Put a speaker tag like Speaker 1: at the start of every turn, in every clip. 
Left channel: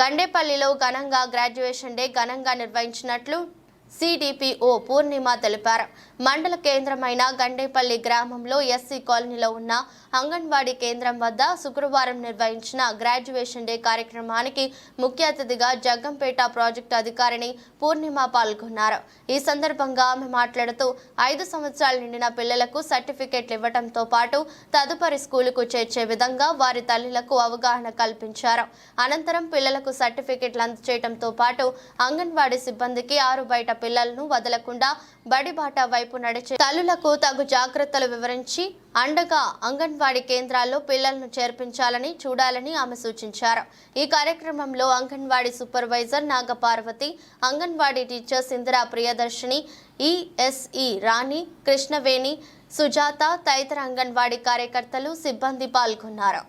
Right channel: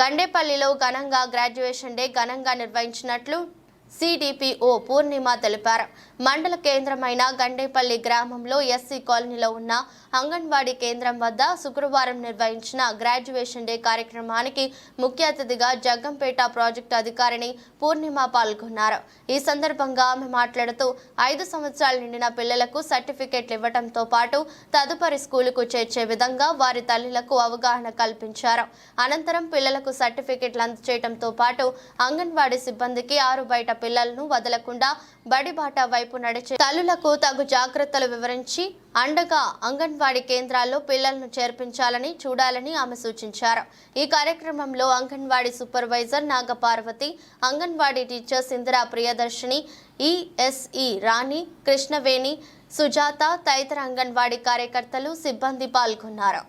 Speaker 1: గండేపల్లిలో ఘనంగా graduation day ఘనంగా నిర్వహించినట్లు సిడిపిఓ పూర్ణిమ తెలిపారు. మండల కేంద్రమైన గండేపల్లి గ్రామంలో ఎస్సీ కాలనీలో ఉన్న అంగన్వాడీ కేంద్రం వద్ద శుక్రవారం నిర్వహించిన గ్రాడ్యుయేషన్ డే కార్యక్రమానికి ముఖ్య అతిథిగా జగ్గంపేట ప్రాజెక్టు అధికారిని పూర్ణిమ పాల్గొన్నారు. ఈ సందర్భంగా ఆమె మాట్లాడుతూ ఐదు సంవత్సరాలు నిండిన పిల్లలకు సర్టిఫికెట్లు ఇవ్వడంతో పాటు తదుపరి స్కూలుకు చేర్చే విధంగా వారి తల్లులకు అవగాహన కల్పించారు. అనంతరం పిల్లలకు సర్టిఫికెట్లు అందచేయడంతో పాటు అంగన్వాడీ సిబ్బందికి ఆరు బయట పిల్లలను వదలకుండా బడిబాట వైపు నడిచే తల్లులకు తగు జాగ్రత్తలు వివరించి అండగా అంగన్వాడీ కేంద్రాల్లో పిల్లలను చేర్పించాలని చూడాలని ఆమె సూచించారు. ఈ కార్యక్రమంలో anganwadi supervisor Nagaparvathi anganwadi teachers Indira Priyadarshini ESE Rani Krishnaveni Sujatha తదితర అంగన్వాడీ కార్యకర్తలు సిబ్బంది పాల్గొన్నారు.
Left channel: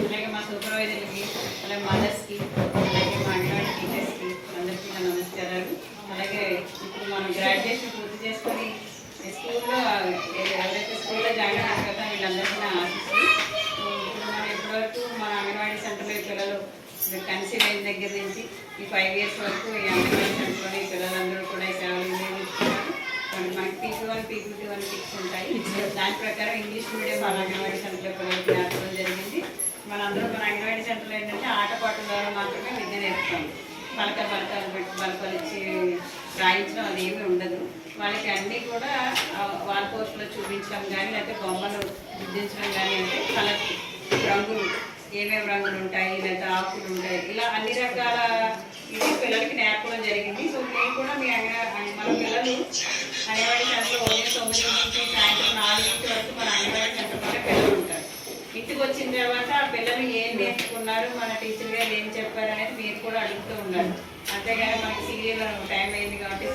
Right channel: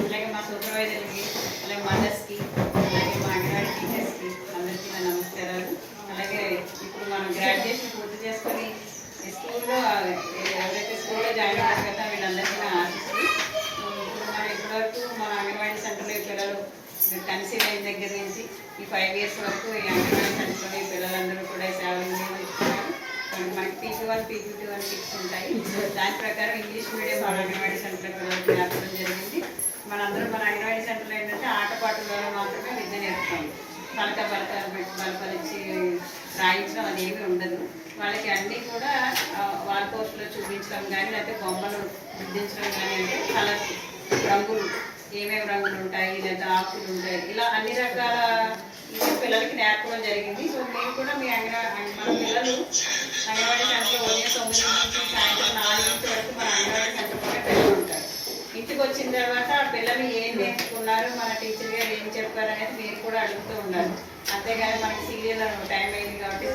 Speaker 2: అలాగే మా సూపర్వైజర్కి అలాగే మదర్స్కి గ్రాడ్యుయేషన్ పూర్తి చేసుకొని స్కూల్లో ఎవరైతే స్కూల్లో జాయిన్ అయ్యారు కదా వీళ్ళందరికీ నా ఆశిస్తుంది మనం ఇప్పటివరకు మా అంగన్వాడీ సెంటర్లో ఈ పిల్లలు కన్సీవ్ అయిన దగ్గర నుంచి ఈ ఫైవ్ ఇయర్స్ వరకు ఈ అంగన్వాడీ సెంటర్లో ఈ పిల్లలందరూ కూడా సేవలు వినియోగించుకున్నారు మనకి PP one PP two one six ఉంటాయి. దాని ప్రకారం ఇంగ్లీష్ మీడియం మన అంగన్వాడీ సెంటర్లో పిల్లలకి నేర్పడం జరిగింది. మనందరం మన అంగన్వాడీ సెంటర్లో ఏంటంటే ఆటపాటల ద్వారా మాత్రమే విద్య నేర్పుతాము. పలక బలకాలు పెట్టి బలపలు రాయించడం అది ఉండదు. వాళ్ళకి అన్నీ కూడా వాల్ పోస్ట్లో చూపించడం కానీ లేకపోతే బొమ్మలు గుర్తించడం కానీ అంటే కలర్ రంగులు ఏమేమి రంగులు ఉంటాయి లేదా ఆకులు ఉంటాయి. ఇలా అన్ని రకాల ఇది పిల్లలకి నేర్పడం జరిగింది. సో మేము కూడా మీ అంగన్వాడీ మన పిల్లలు అంగన్వాడీ సెంటర్లో ఉదయం తొమ్మిది నుంచి సాయంత్రం నాలుగింటి వరకు మన అంగన్వాడీ సెంటర్లోనే పిల్లలు ఉంటారు ఇంటికి వచ్చిన తర్వాత ఆ పిల్లలు ఏం నేర్చుకున్నారు మన టీచర్ గారు ఏం చెప్పారు అనేది మీరు కూడా అడుగుతూ ఉన్నారు. అంతేగాని మనకి సీరియల్ టైం అయింది కాబట్టి